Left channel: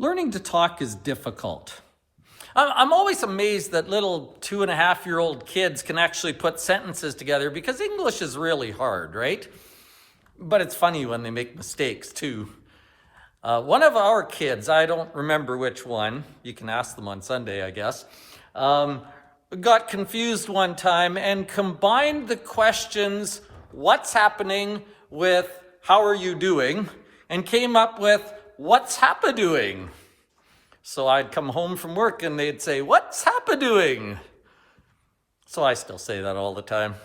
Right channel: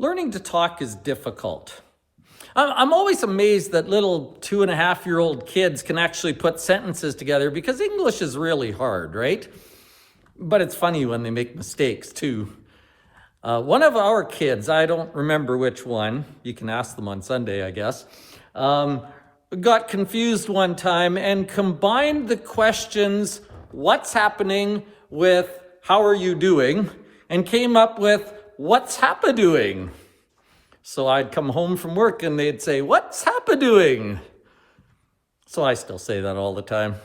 Learning to talk is difficult. I'm always amazed that little 2.5-year-old kids can actually put sentences together because English is really hard, right? But it's funny when they make mistakes too. One of our kids, I don't remember which one, you can ask them on Sunday, I guess, got confused one time and combined the questions, what's happening, with how are you doing, and came up with what's Happa doing? So I'd come home from work and they'd say, what's Happa doing? So I still say that all the time.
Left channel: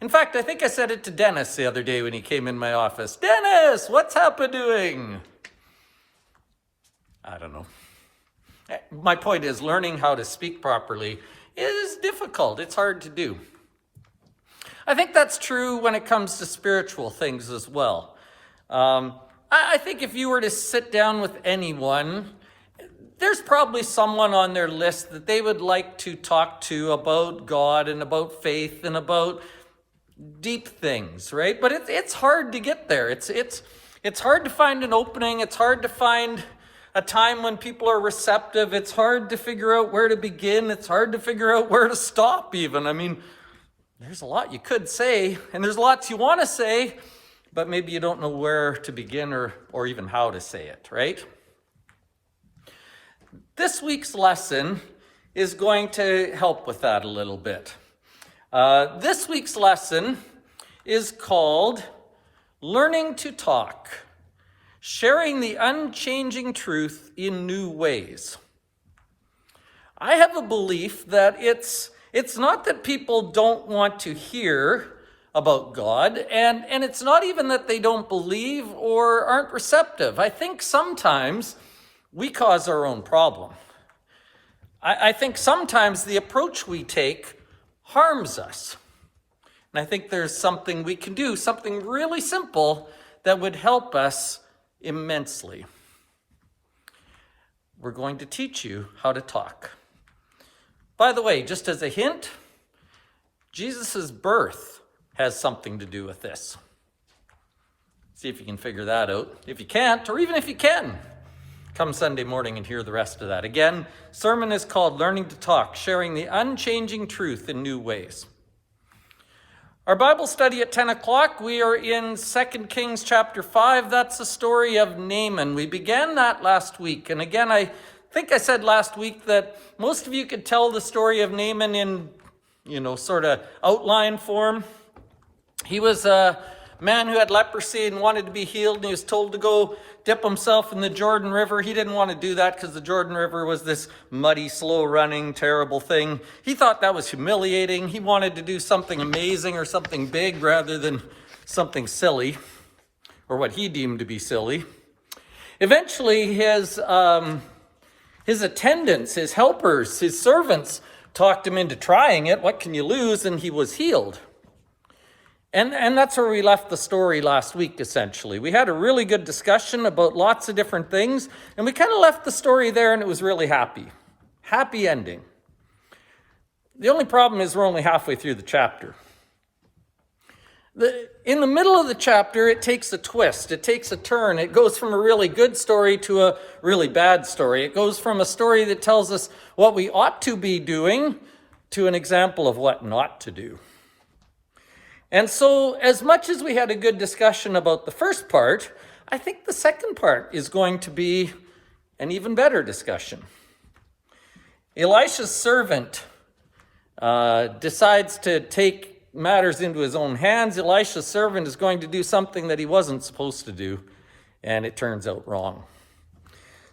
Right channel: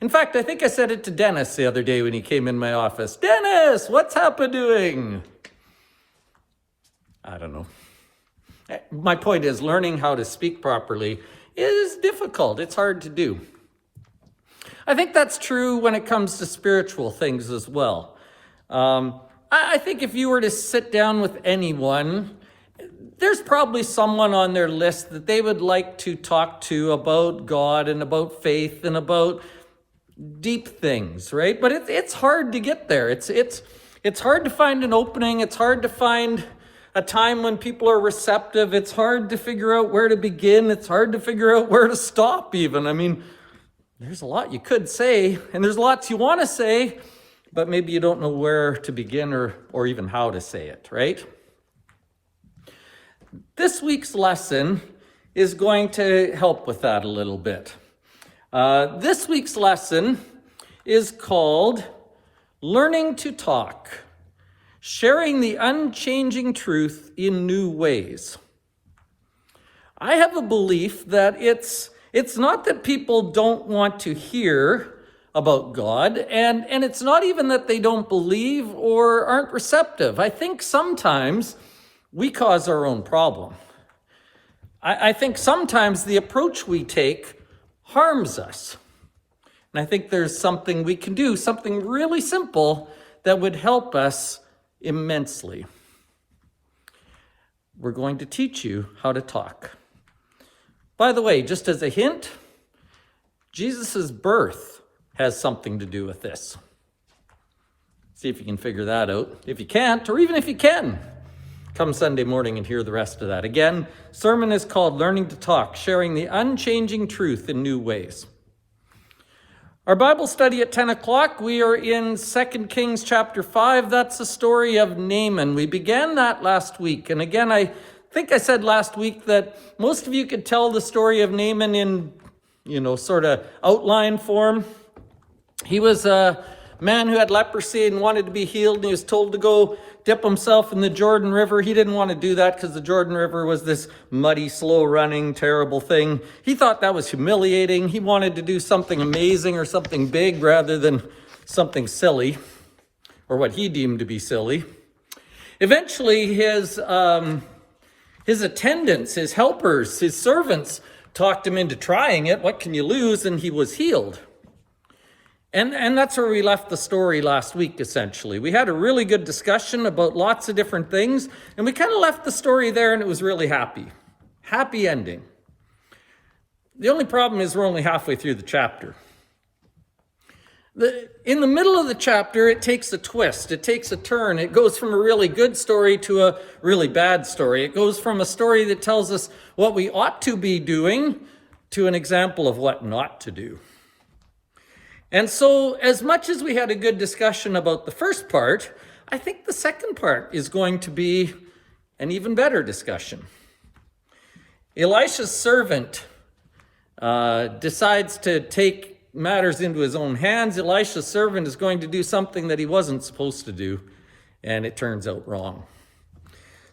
In fact, I think I said it to Dennis the other day when he came in my office. Dennis, what's Happa doing? I don't know. My point is, learning how to speak properly is difficult. It's hard to do. I think that's true when it comes to spiritual things as well. I think if you were to sit down with anyone, there's probably someone on their list that they would like to talk to about God and about faith and about deep things, right? But it's hard to get there. It's hard to find an opening. It's hard to find a time when people are receptive. It's hard to figure out where to begin. It's hard to figure out where to stop even. I mean, there's a lot you could say, and there's lots you want to say, but maybe you don't know where to begin or even how to say it, right? This week's lesson is going to help with that a little bit. This week's lesson is called Learning to Talk, Sharing the Unchanging Truth in New Ways. I have a belief that it's not that people don't want to hear about God, and it's not even that they don't believe or aren't receptive. I think sometimes we cause our own problem. I think sometimes the approach we take harms us. And I think there's something we can do, something really simple that would help us immensely. We're going to teach you how to talk. By the way, just as a hint, Jesus' birth has something to do with this. See if you can figure that out. If you can't, or even if you can, come Sunday morning and hear the rest of that. Again, sermon is called Learning to Talk, Sharing the Unchanging Truth in New Ways. Our Bible study at 10 o'clock, we are in 2 Kings chapter 5. That's the story of Naaman. We began that last week. And again, I think I said last week that most of you could tell the story of Naaman in, sort of outline form. He was a man who had leprosy and wanted to be healed, and he was told to go dip himself in the Jordan River. He didn't want to do that because the Jordan River was this muddy, slow-running, terrible thing. He thought that was humiliating. He wanted to do something amazing or something big rather than something silly, or what he deemed to be silly. Eventually, his attendants, his helpers, his servants talked him into trying it. What can you lose? And he was healed. And that's where we left the story last week, essentially. We had a really good discussion about lots of different things, and we kind of left the story there, and it was really happy. Happy ending. The only problem is we're only halfway through the chapter. In the middle of the chapter, it takes a twist. It takes a turn. It goes from a really good story to a really bad story. It goes from a story that tells us what we ought to be doing to an example of what not to do. And so, as much as we had a good discussion about the first part, I think the second part is going to be an even better discussion. Elisha's servant decides to take matters into his own hands. Elisha's servant is going to do something that he wasn't supposed to do, and it turns out wrong.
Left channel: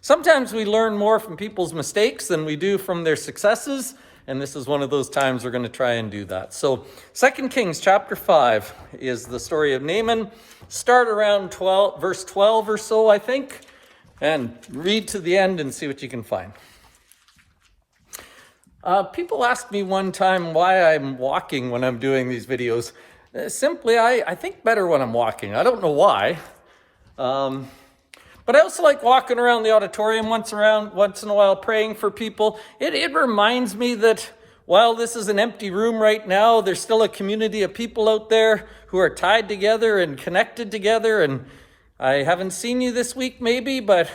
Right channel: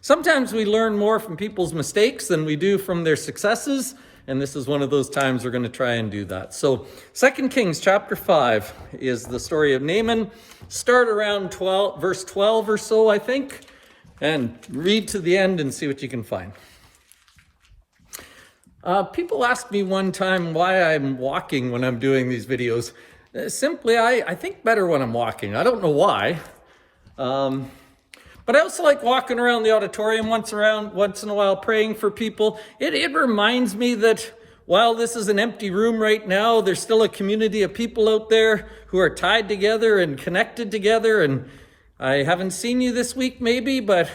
Sometimes we learn more from people's mistakes than we do from their successes, and this is one of those times we're going to try and do that. So 2 Kings chapter 5 is the story of Naaman. Start around verse 12 or so, I think, and read to the end and see what you can find. People asked me one time why I'm walking when I'm doing these videos. Simply, I think better when I'm walking. I don't know why. But I also like walking around the auditorium once in a while praying for people. It reminds me that while this is an empty room right now, there's still a community of people out there who are tied together and connected together. And I haven't seen you this week maybe, but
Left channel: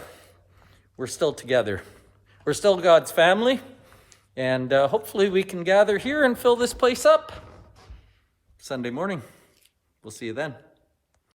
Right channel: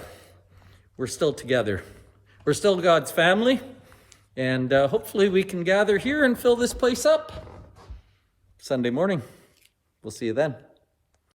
we're still together. We're still God's family, and hopefully we can gather here and fill this place up Sunday morning. We'll see you then.